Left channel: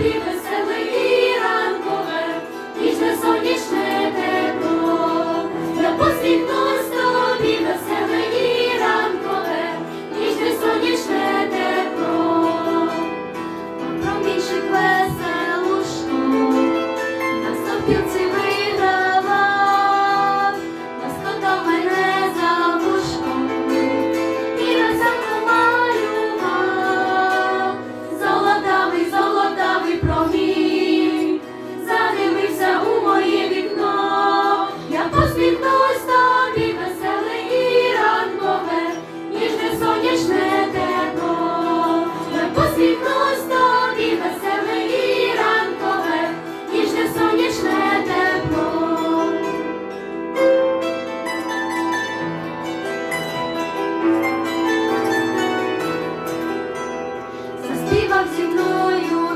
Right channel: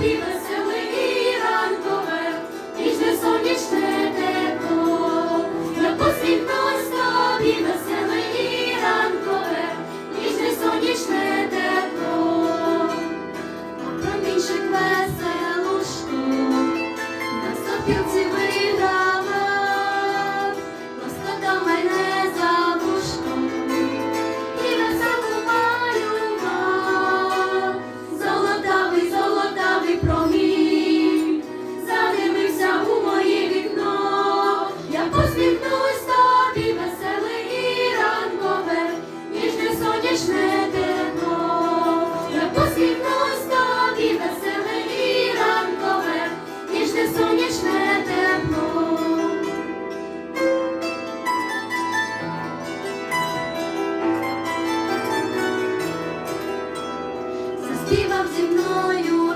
тобі веселе ранкове, ніжне сонячне тепло. на. Промінчик веселу штук, на сопілці ніжне. Я посміхнусь тобі, веселе і ранкове, ніжне сонячне тепло. Заспівав зі мною